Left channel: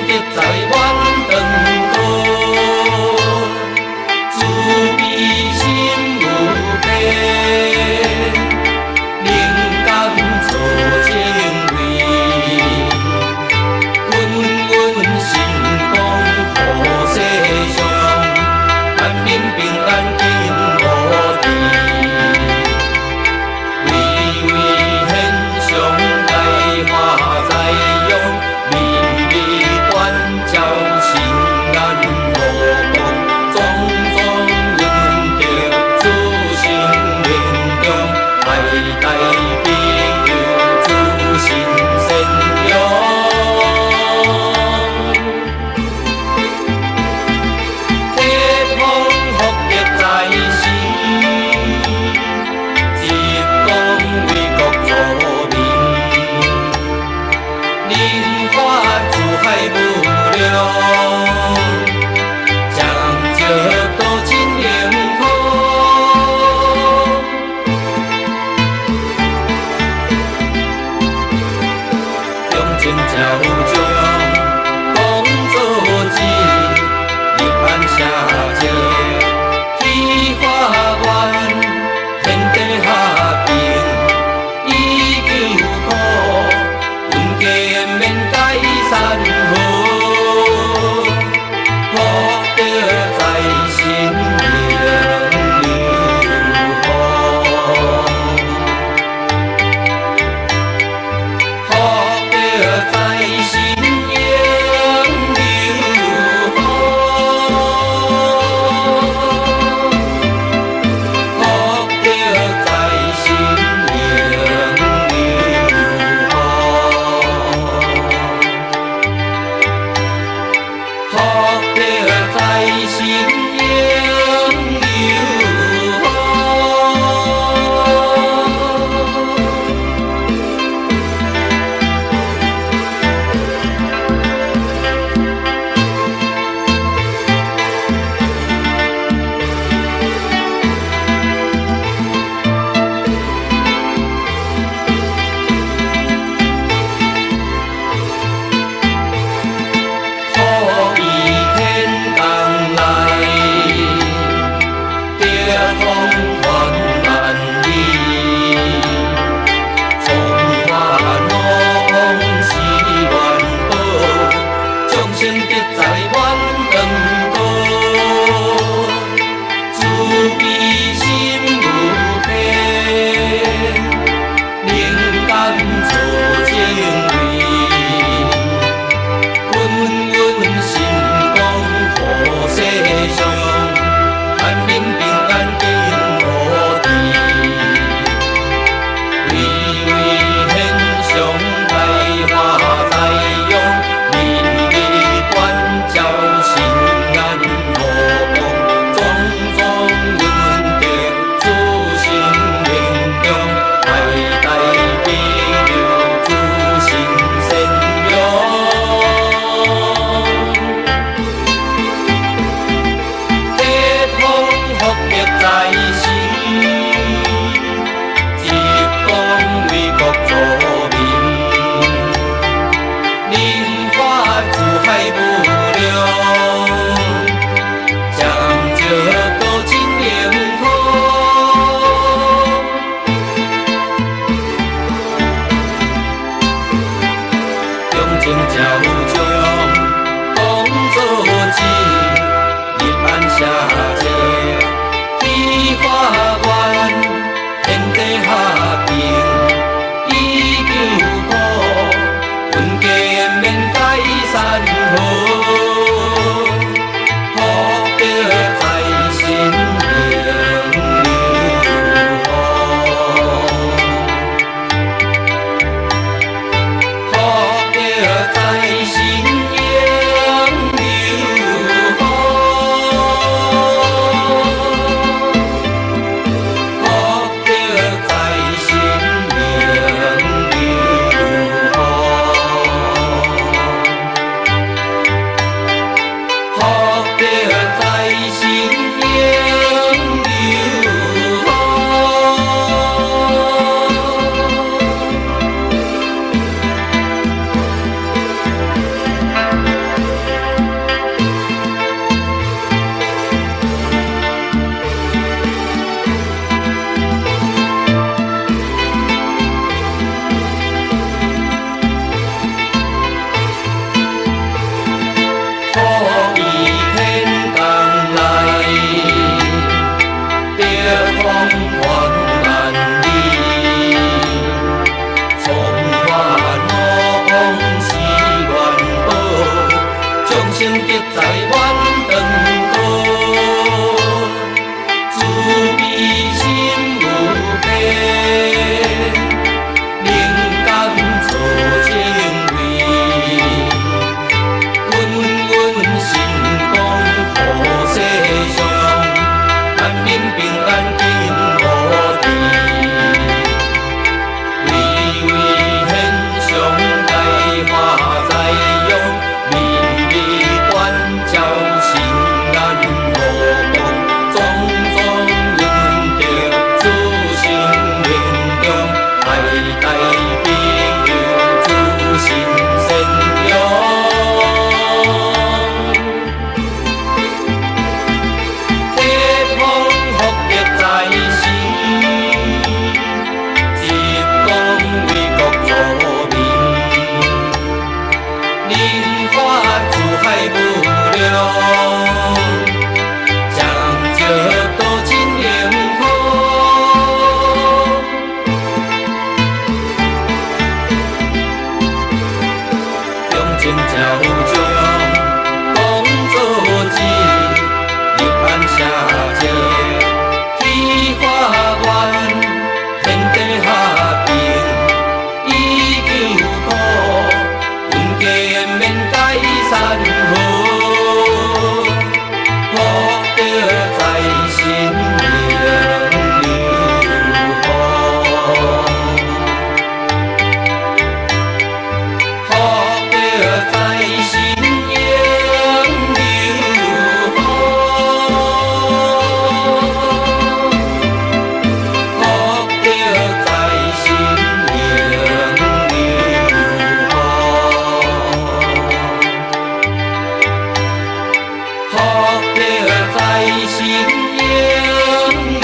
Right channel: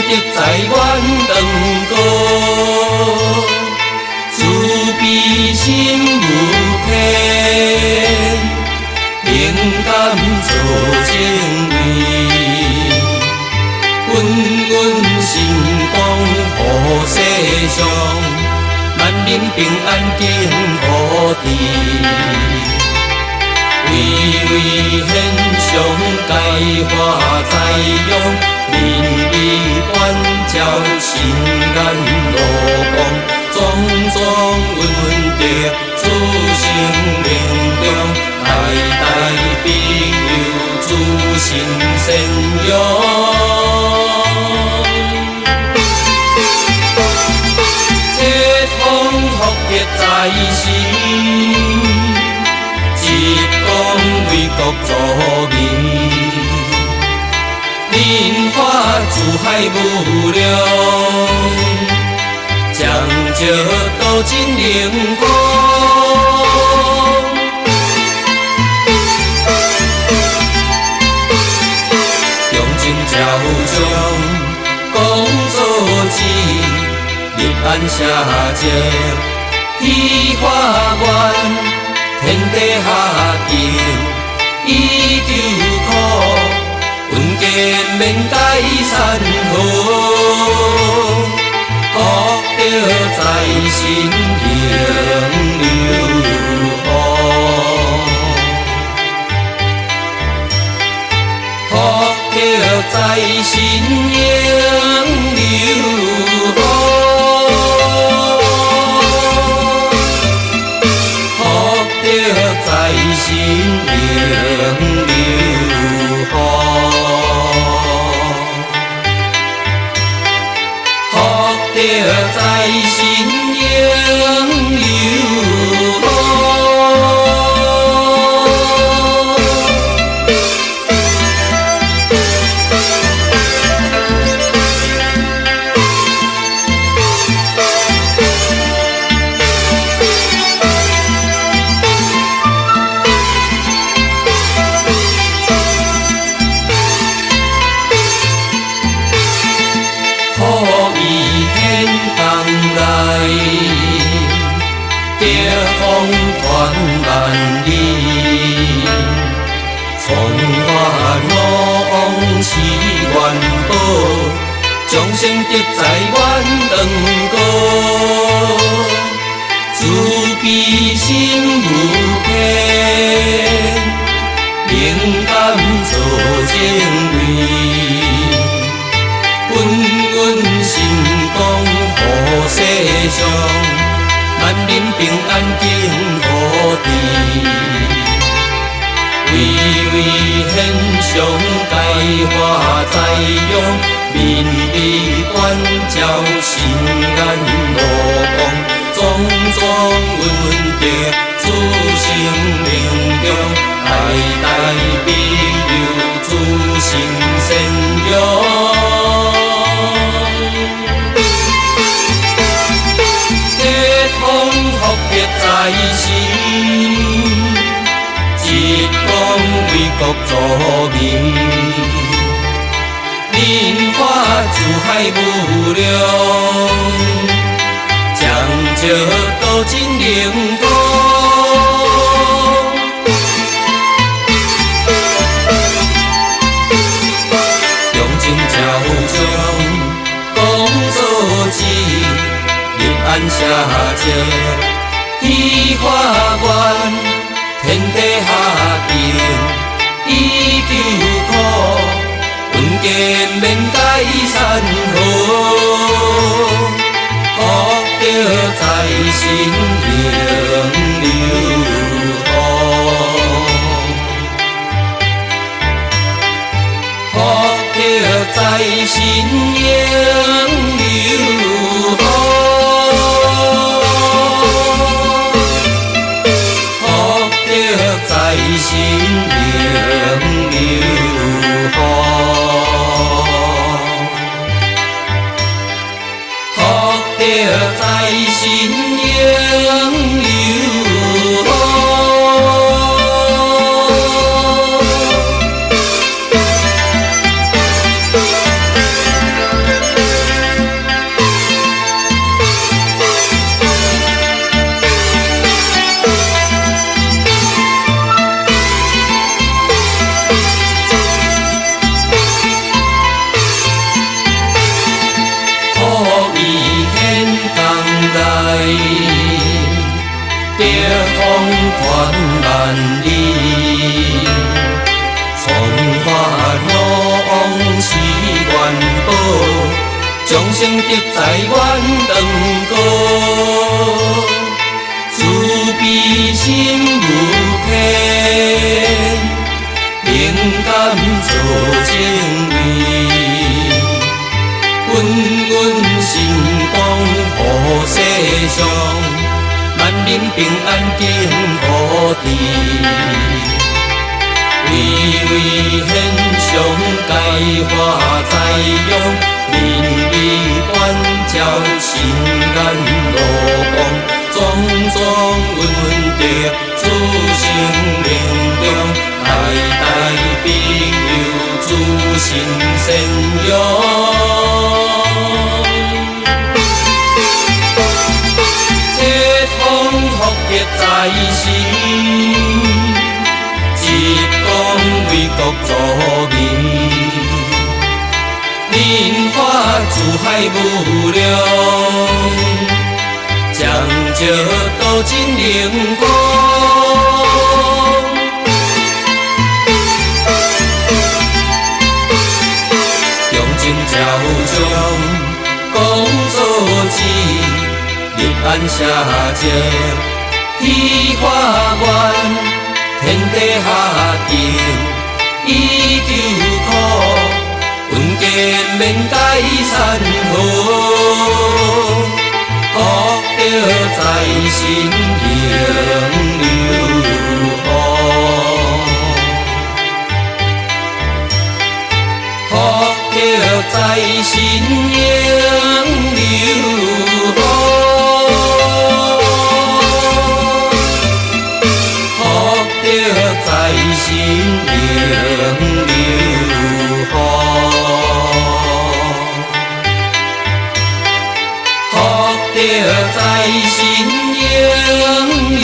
得在阮长歌，慈悲心无边，灵感做情味，稳稳心光护世上，万民平安敬福地。巍巍显上大花在用，明日关照心眼无光，种种恩德自生命中，代代庇佑子孙善养。铁通福业在身，一讲为国助民，莲花自海无量，将这道真灵光，用尽照将讲做旨，一般下者喜化愿。天地下平，以救苦，恩家免解散河，福德在心永流芳，福德在心永流芳。在心永流芳。生得在阮长歌，慈悲心无边，灵感做情味，稳稳心光护世上，万民平安敬福地，巍巍显上大花在用。明日关照心眼无光，种种恩德自生命中，代代庇佑子孙善养。铁通福业在身，一讲为国助民。莲花自海无量，将这道真灵光，用尽照将讲做旨，一般下者喜化愿，天地下平，以救苦。恩家免解散河，福德在心永流芳，福德在心永流芳。风传万里，从法无往是元宝，众生得在愿当高，慈悲心无边，灵感做正位。心光护世上，万民平安敬福地。微微献上大化在用，民意关照心眼无光，庄庄稳定自生命中，代代庇佑自信善良。在心，一讲为国助民，人法自海无量，将这道真灵光，用尽朝将讲做旨，一般下者。喜化愿，天地下平，以救苦，云间免解散河，福德在心永流芳，福德在心永流芳。在心永流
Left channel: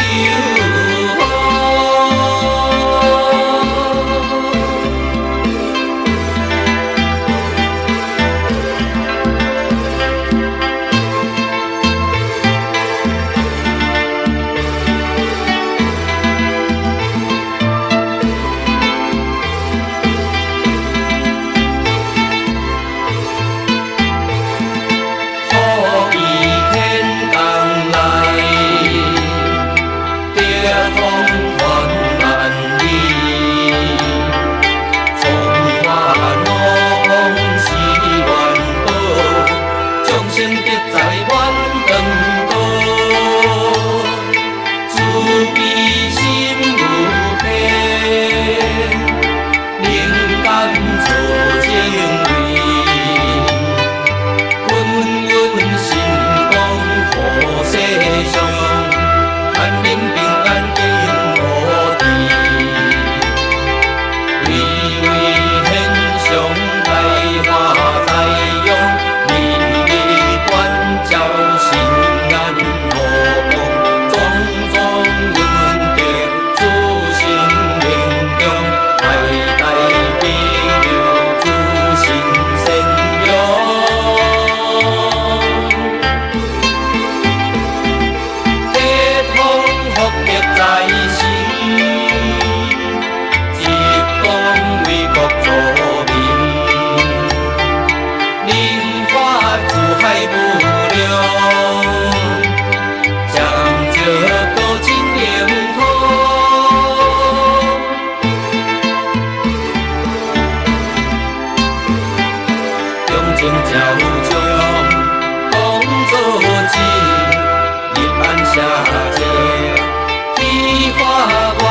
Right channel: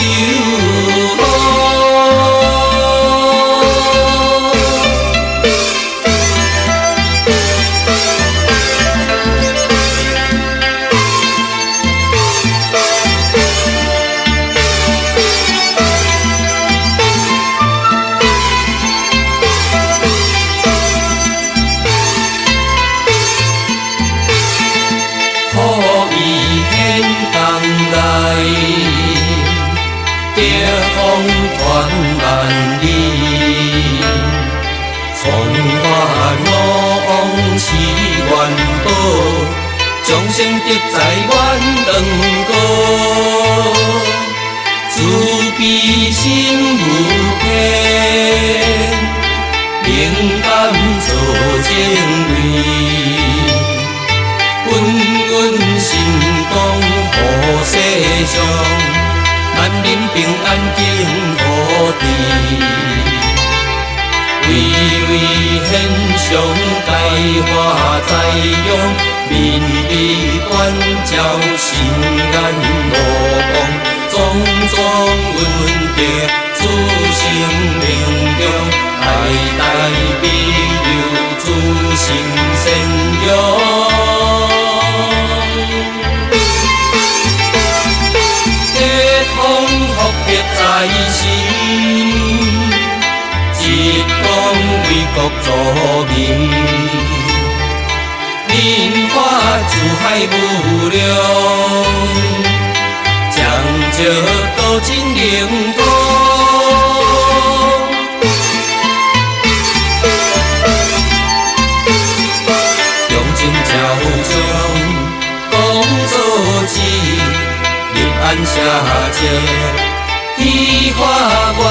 生得在愿当高，慈悲心无边，灵感做正位，稳心光护世上，万民平安敬福地，微微献上大化在用。民意关照心眼无光，庄庄稳定自生命中，代代庇佑自信善良。地方福德在心，一讲为国助民。人法自海无量，将这道真灵光，用尽朝将讲做旨，立安下者，喜化愿，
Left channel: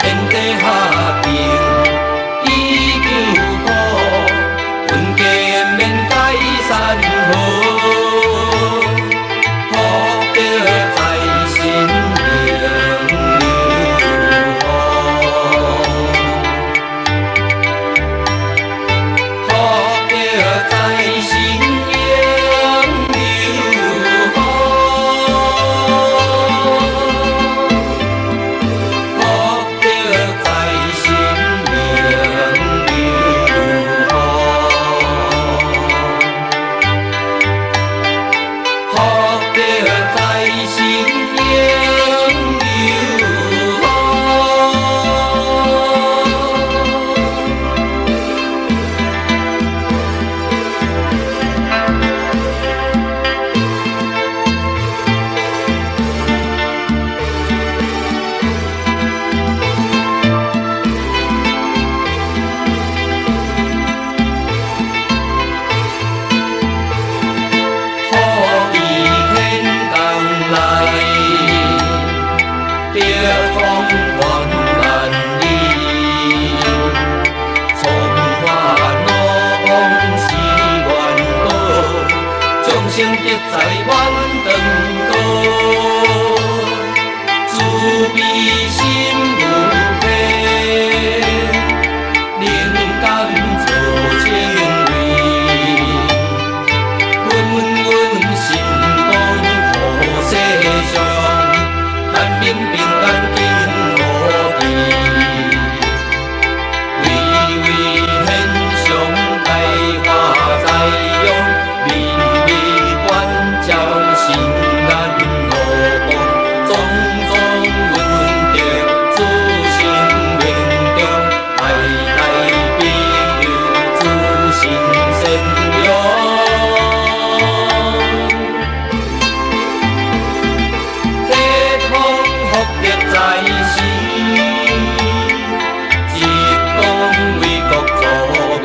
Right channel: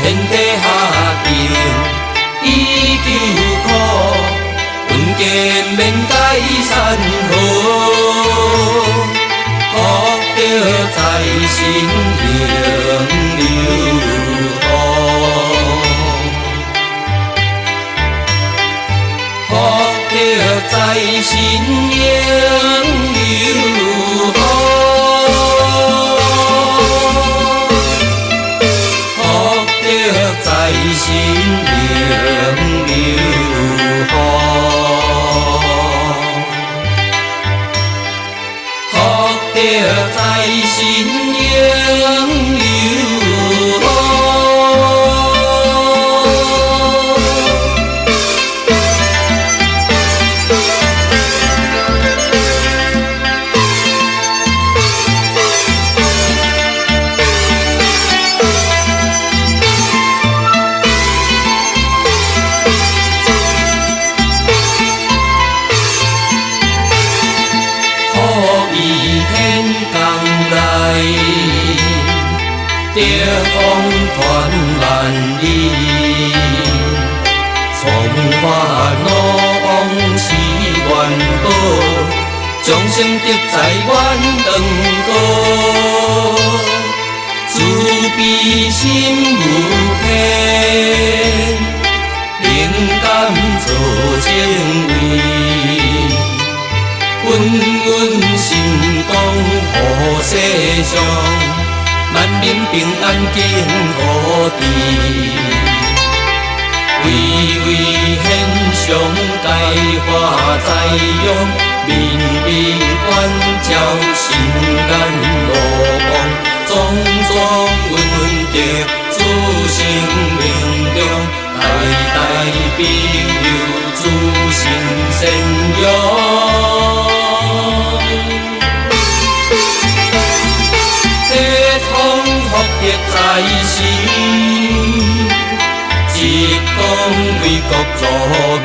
天地下平，以救苦。云间免解散河，福德在心永流芳，福德在心永流芳。风传万里，从发怒往事愿保，众生得在愿长高，慈悲心无偏，灵感造成为。心动好世上，万民平安敬和平。巍巍献上大花栽用，明明关照心眼无光，种种稳定自生命中，代代庇佑自心善良。在心，一党为国助民，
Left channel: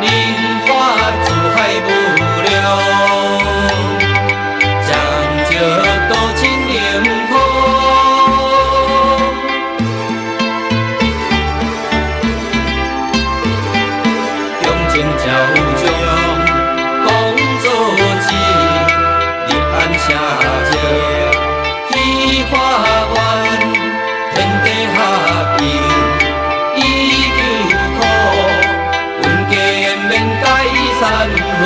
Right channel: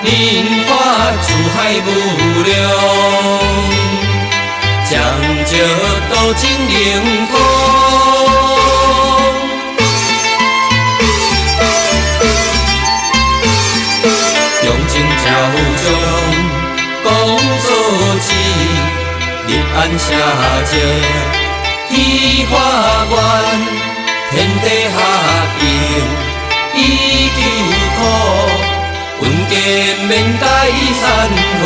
民法自海无量，将这道真灵通，用情照将，讲做事，立安社稷。以化愿，天地合一，以救苦，稳健免解散河。